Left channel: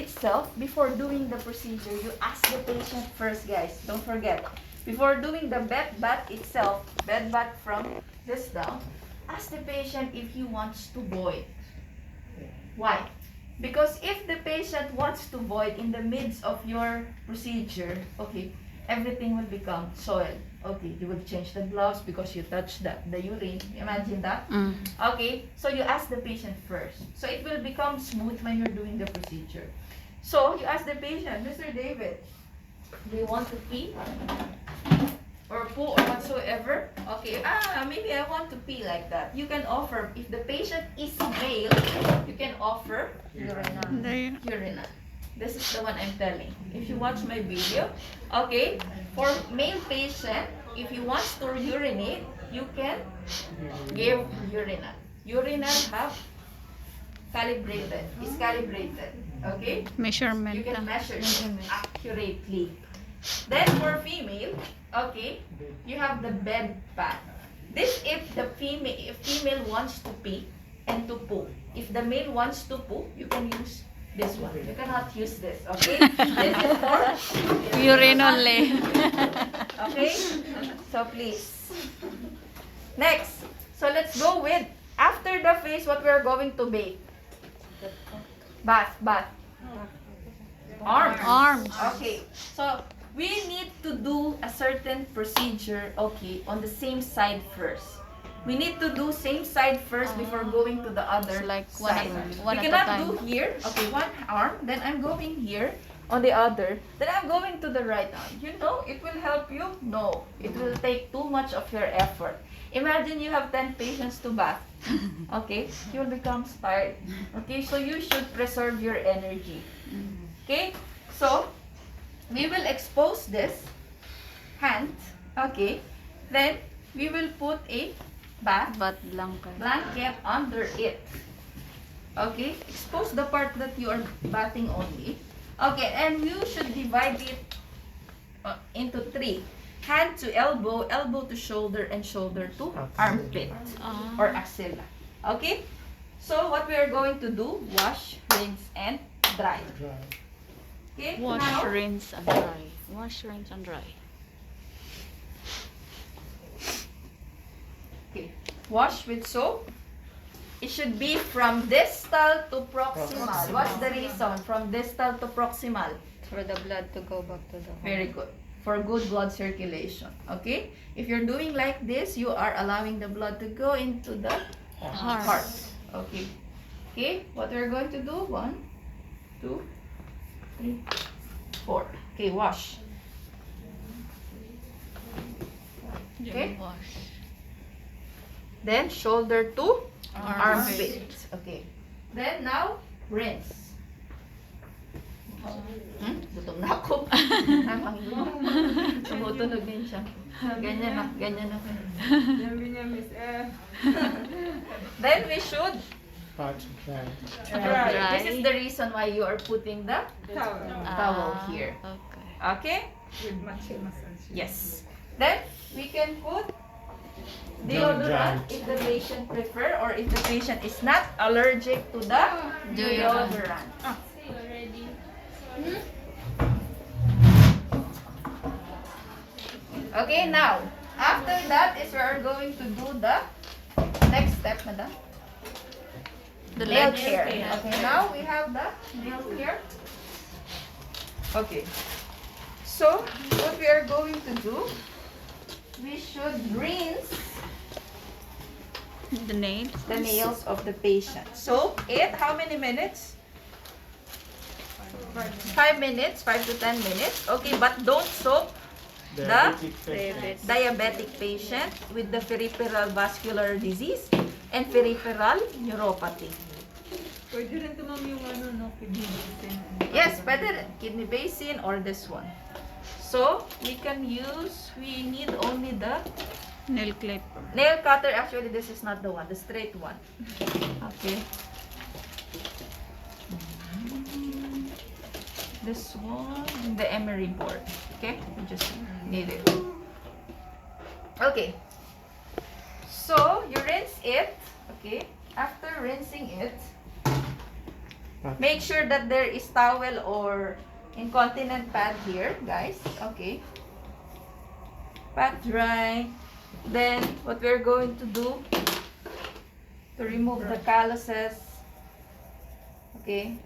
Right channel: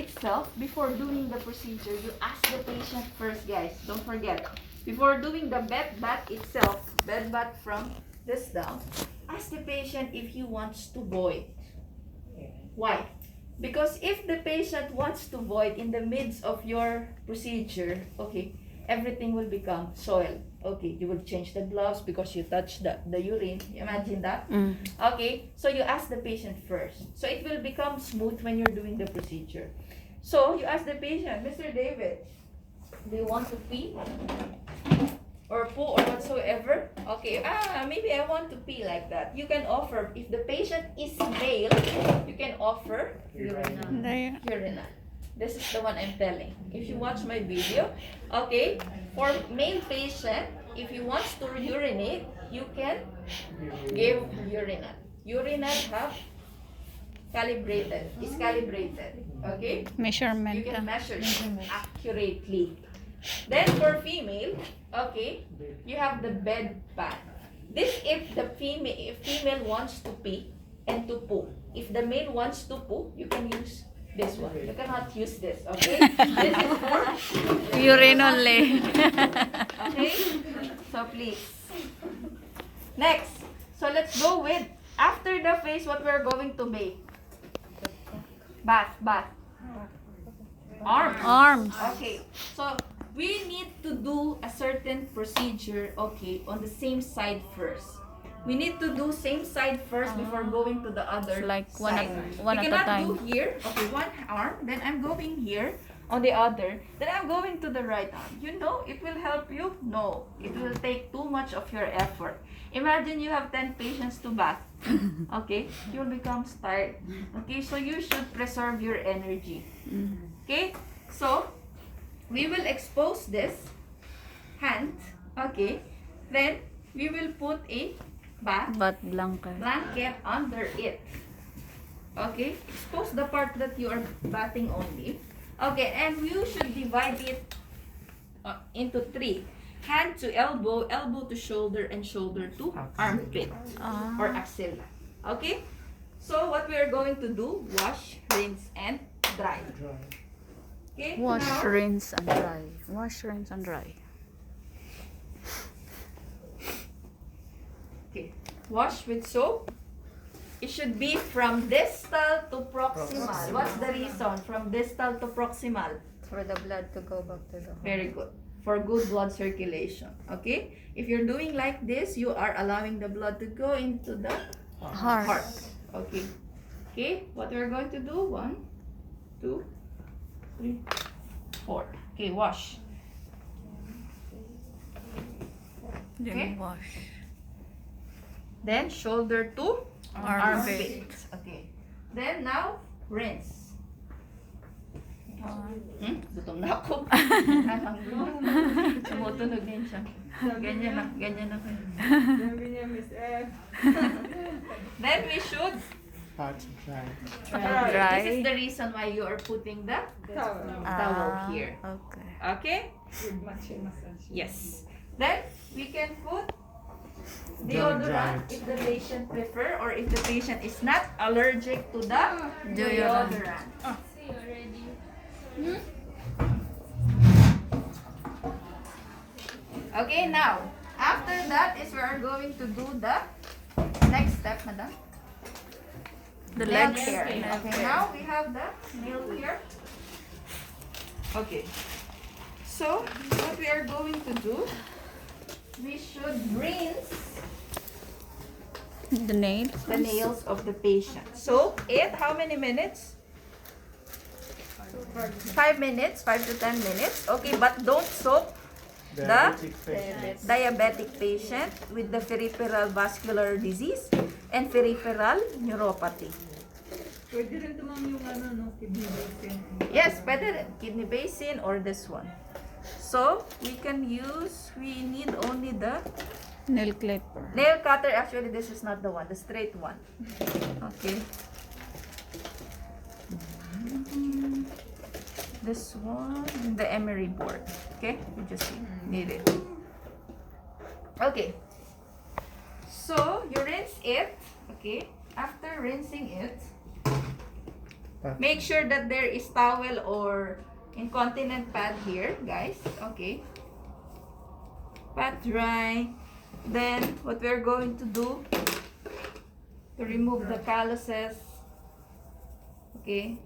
itself, before doing the procedure, you ask the patient first, guys. Don't forget. Before doing the bed bath itself, bed bath from this down, ask the patient if he wants to void. Why? Because if the patient wants to void in the midst of your procedure, okay, everything will become soil. Okay, you will change the gloves because you touched the urine. Imagine that. Okay, so you ask the patient first. So it will become smooth when you're doing the procedure. So you ask the patient, Mr. David, do you want to pee? Or poo or whatsoever? Okay, maybe I want to pee like that. You can offer, if the patient is male, you can offer urina. This is the one I'm telling. If you watch my video, okay, for male patient, if he wants to urinate, you can give urina. Urina have is calibrated, okay? Measurement. You can measure it accurately. Then for female, okay, you have the bed pad. This if the female wants to pee and to poo. If the male wants to poo, you can use this one. You cannot use this, okay? This is for Urine only. okay? So please. Next. So let's go with after the face what we're going to make. Bath. Arms. Okay. So we need to do a certain procedure, okay, on the same side first. We need to do same side first before going to the other Like side. one We at a cannot time. do here, okay, one arm, then I'm going here on the other, then I'm going to the right arm. You know, it will help you? No. It will take too much of your effort. Imagine you have 10 patients to bath. Okay? You'll become tired. Okay? So you should preserve your energy. Okay? So, we will expose this hand. Okay? Then, we will put a But blanket. blanket under it. Okay? Expose the part that you are bathing only. Okay, and you should divide it into 3. Hand to elbow, elbow to shoulder, and shoulder to armpit or axilla. Okay? So, what we are going to do, wash, rinse, and dry. Okay? Wash, Now, rinse, and dry. Wash, rinse, and dry. okay. Wash with soap. It should be from distal to proximal. What's the reason? From distal to proximal. For the blood to go back to the heart. Very good. For good blood circulation. Okay? If you're doing like this, you are allowing the blood to go into the heart. Okay. Okay? What we're going to do? 1, 2, 3, 4. Okay, wash. Okay? Wash. Then shoulder to Armpit. armpit. Okay. Then now, rinse. Gutom na ako. I'm hungry. Tumutunog din siya. Ganyan na. Sabi niya, Miss F. Then we should Dry. This is the reason why you are putting the towel here. Okay. Okay? With matching massage. Yes. Then we can put deodorant if the patient prefer or if the patient is not allergic to the deodorant. Okay, now after that is we are going to do the next step, madam. The Nail legs. care. Okay, now we have the nail care. Okay. So, what we are going to do, we should rinse The nails. the nails of the patient. So, how many minutes? 5 minutes, 5 to 10 minutes. Okay, but don't soak the diabetic patient with the peripheral vascular disease and peripheral neuropathy. Pwede rin ito, ma'am, yung ano, no, kidney basin. Yes, better kidney basin or this one. So, we need only the Nail clip. nail cutter. Actually, this is not the one, the straight one. Okay. This one, the emery board. Okay, we just need it. Okay. So, you rinse it. Okay. After rinsing it, Make sure that there is towel or incontinent pad here, guys. Okay. Pat dry. Then, what we're going to do to remove the calluses, okay,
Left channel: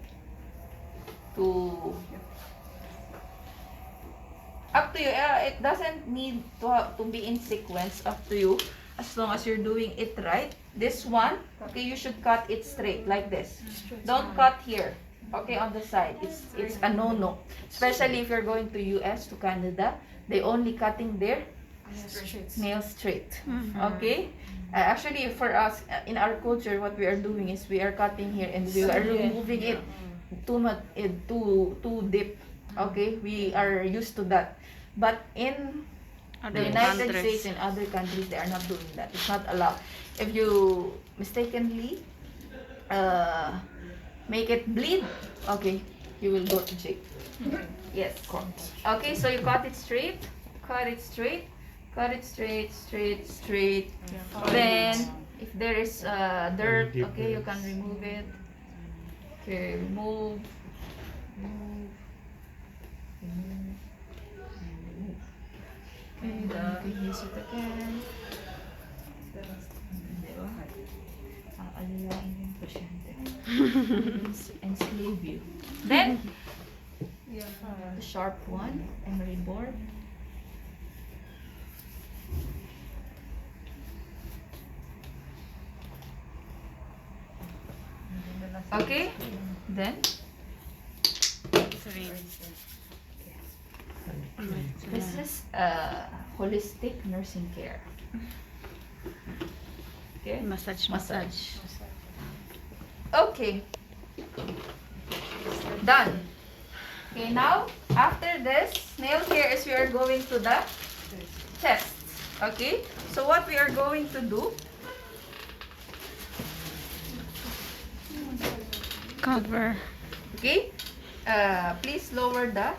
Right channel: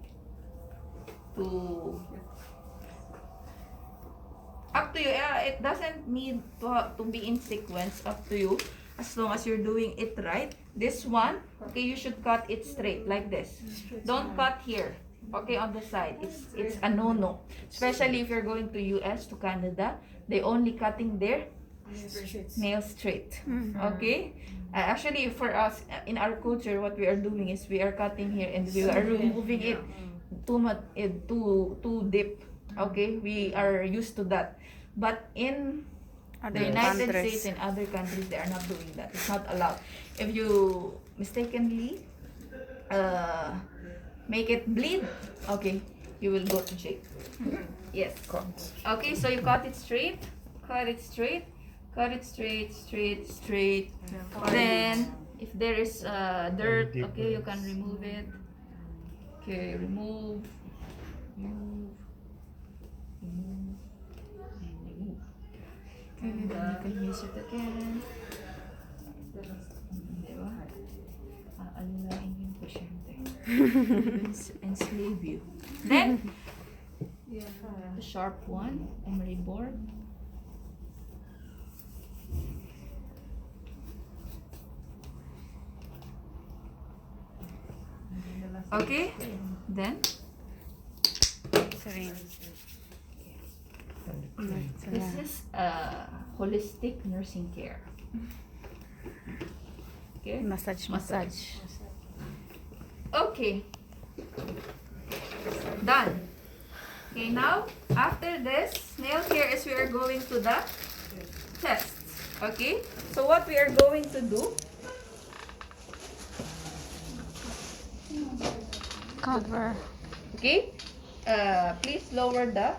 up to you. It doesn't need to be in sequence. Up to you. As long as you're doing it right. This one, okay, you should cut it straight like this. Don't cut here, okay, on the side. It's a no-no. Especially if you're going to US, to Canada, they only cutting their nails straight. Okay? Actually, for us, in our culture, what we are doing is we are cutting here and we are removing it too deep. Okay? We are used to that. But in Other the United countries. States and other countries, they are not doing that. It's not allowed. If you mistakenly make it bleed, okay, you will go to jail. Yes, correct. Okay, so you cut it straight, cut it straight, cut it straight, straight. Then, if there is dirt, okay, you can remove it. Okay, remove. Okay, then you can use it again. Diba? Aalalain yung pasyente. Enslave you. Then, the sharp one, emery board. Okay, then this is holistic nursing care. Okay, Massage. Okay, done. Okay, now after this nail care is we are going to the tests. Okay, so what we are going to do, Cover. okay, please lower the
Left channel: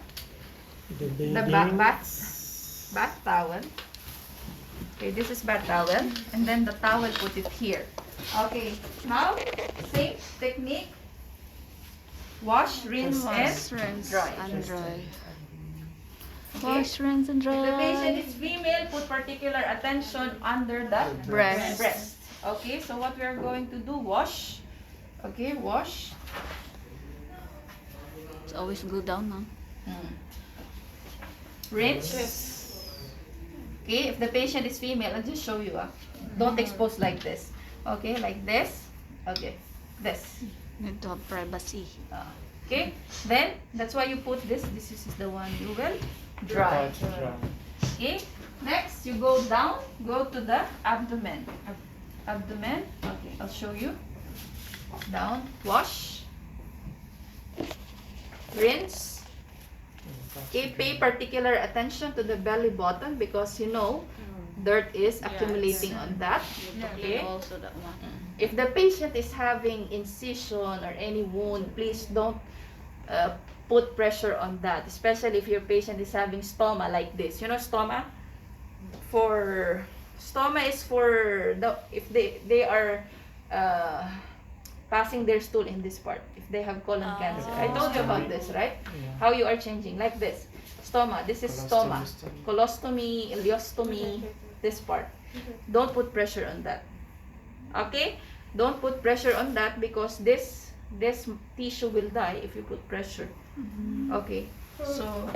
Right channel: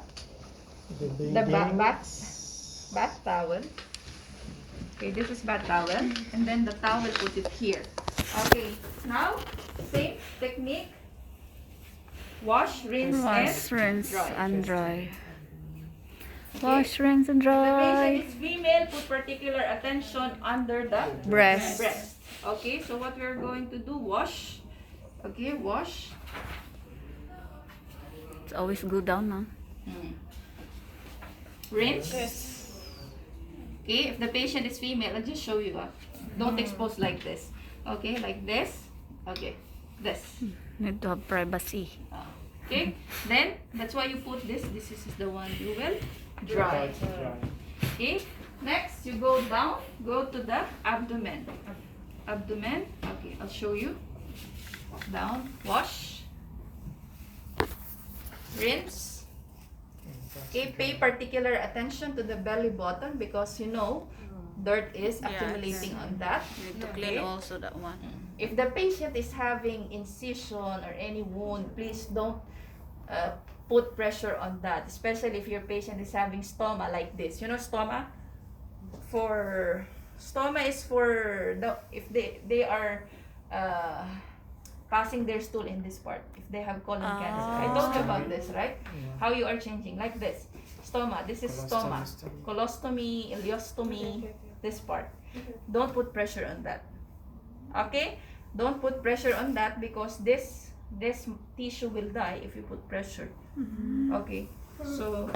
bath towel. Okay, this is bath towel, and then the towel put it here. Okay, now same technique. Wash, rinse, Wash, and rinse, dry. and dry. Okay. Wash, rinse, and If the patient dry. is female, put particular attention under the Breast. Okay, so what we are going to do, wash. Okay, wash. It's always go down, no? Rinse. Okay, if the patient is female, I'll just show you. Don't expose like this. Okay, like this. Okay, this. Need to have privacy. Okay, then that's why you put this. This is the one you will dry. Okay, next you go down, go to the abdomen. Abdomen. Okay, I'll show you. Down, wash, rinse. Okay, pay particular attention to the belly button because you know dirt is accumulating on that. Okay. also that one. If the patient is having incision or any wound, please don't put pressure on that. Especially if your patient is having stoma like this. You know stoma? Stoma is for if they are passing their stool in this part. If they have colon cancer. I told you about this, right? How you are changing like this. Stoma. This is stoma. Colostomy, ileostomy. This part. Don't put pressure on that. Okay? Don't put pressure on that because this tissue will die if you put pressure. Okay? So,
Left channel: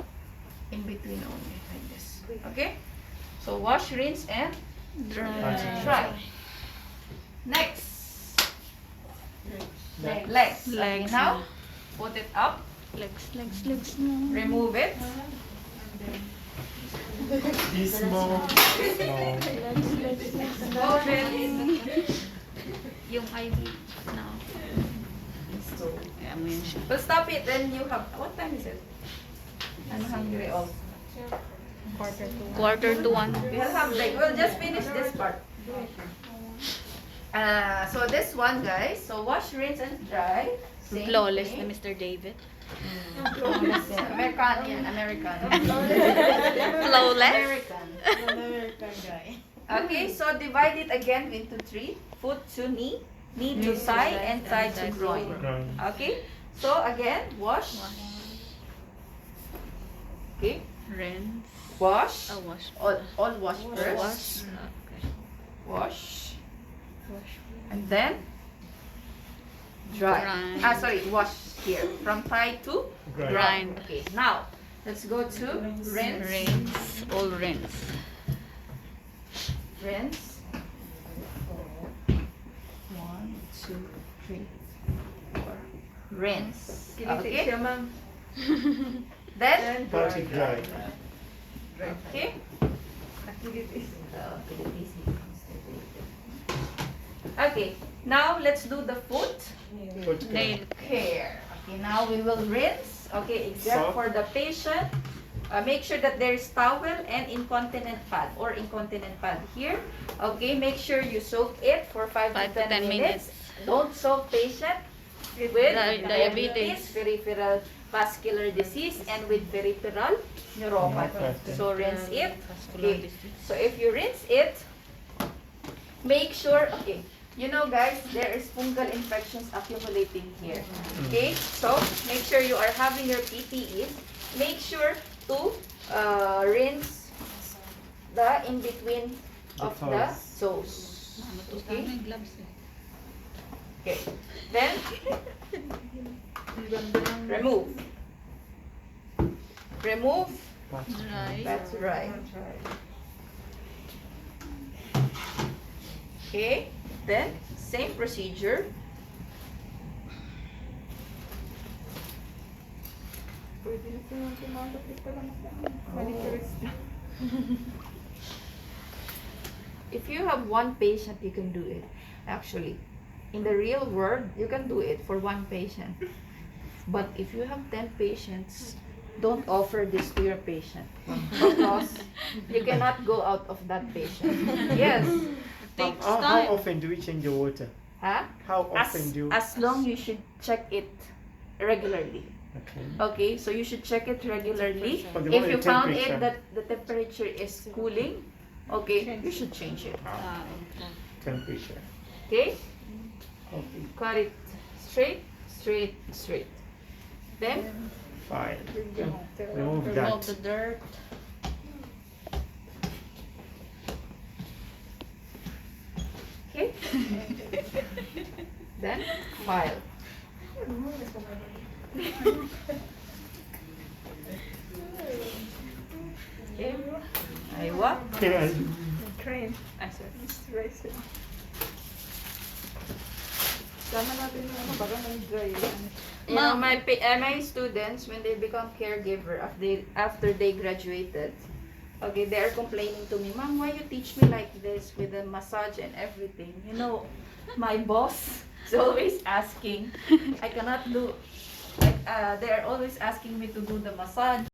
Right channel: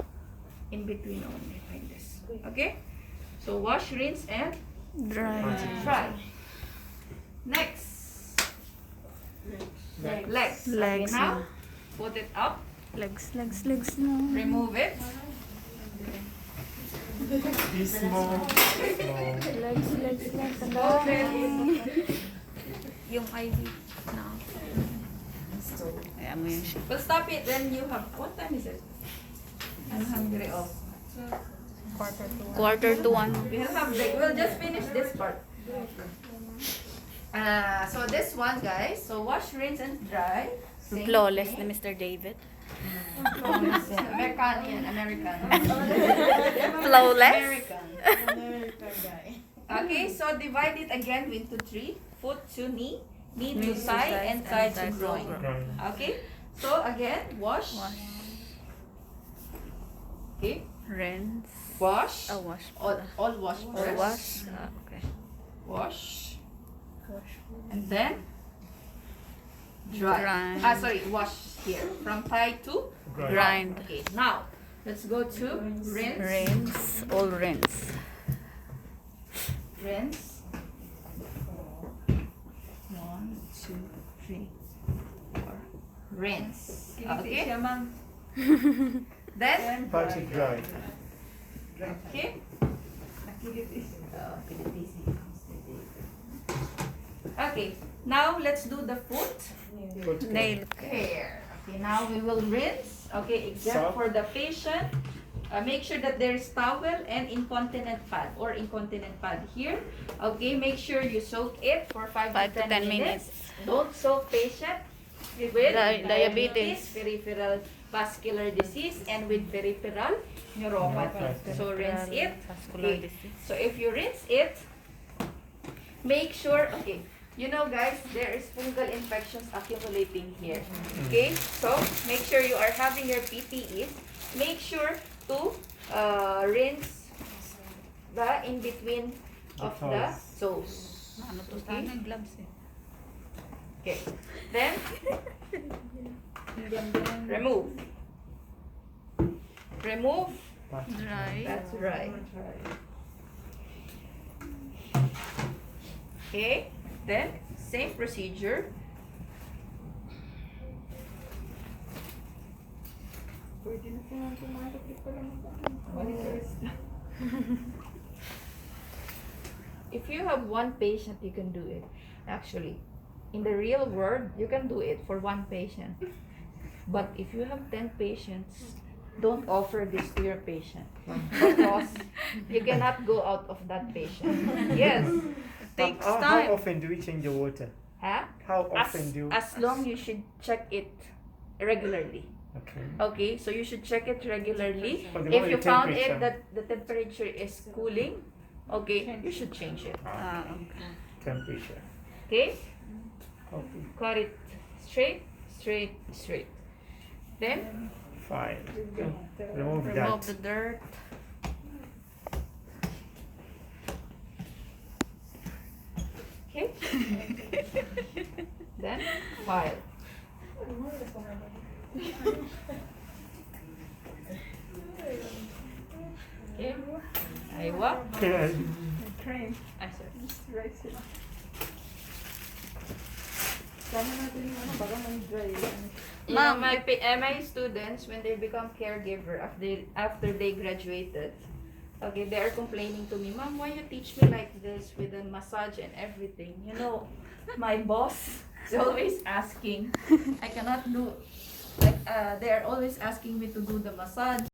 in between only, like this. Okay? So, wash, rinse, and Dry. dry. Next. Legs. Okay, Legs. now, put it up. Legs na. Remove it. Small. Legs. Yung IV now. Ano yun siya? But stop it when you have, what time is it? I'm hungry also. 1:45. We'll have break. We'll just finish this part. So this one, guys. So wash, rinse, and dry. Same Flawless thing. ni Mr. David. Flawless yan. American yan. American. Flawless? American. Okay, so divide it again into 3. Foot to knee, knee to thigh, and thigh to groin. Okay? So again, wash. Okay, Rinse. wash. Oh, wash. All wash first. Wash. Okay. Wash. Wash. And then dry. Dry. Sorry, wash here. From fry to Grind. Grind. Okay, now let's go to rinse. Rinse. All rinse. Rinse. 1, 2, 3, 4. Rinse. Kinitik Okay. siya, ma'am. Then Pat it dry. okay. Nakilitis. Okay. Now let's do the foot. Foot Nail. Hair. Okay, now we will rinse. Okay, except Soft. for the patient. Make sure that there is towel and incontinent pad or incontinent pad here. Okay, make sure you soak it for 5 5 to to 10 10 minutes. minutes. Don't soak patient with Diabetes. peripheral vascular disease, and with peripheral neuropathy. Neuropathy. So rinse it. Vascular Okay. disease. So if you rinse it, make sure, okay, you know guys, there is fungal infections accumulating here. Okay, so make sure you are having your PPEs. Make sure to rinse the in between of the toes. Okay. Okay. Then remove. Remove. Pat. Dry. That's right. Okay. Then same procedure. Pwede na si ma'am tumatapit pa lang ako. Manicurist na. If you have one patient, you can do it. Actually, in the real world, you can do it for one patient. But if you have 10 patients, don't offer this to your patient because you cannot go out of that patient. Yes. Takes How time. often do we change the water? Huh? How often do? As long you should check it regularly. Okay. Okay, so you should check it regularly. For the If moment, you the found temperature. it that the temperature is cooling, okay, you should change it. Ah, Okay. temperature. Okay, Okay. cut it straight, straight, straight. Then Fine. Remove Remove that. the dirt. okay, then file. Okay, aywa. Train. Ay, sorry. Rice it. Sama natin yung ano, baga may dry yan. You Ma'am. know, my students, when they become caregiver after they graduated, okay, they are complaining to me, Mom, why you teach me like this with the massage and everything? You know, my boss is always asking. I cannot do, like, they are always asking me to do the massage.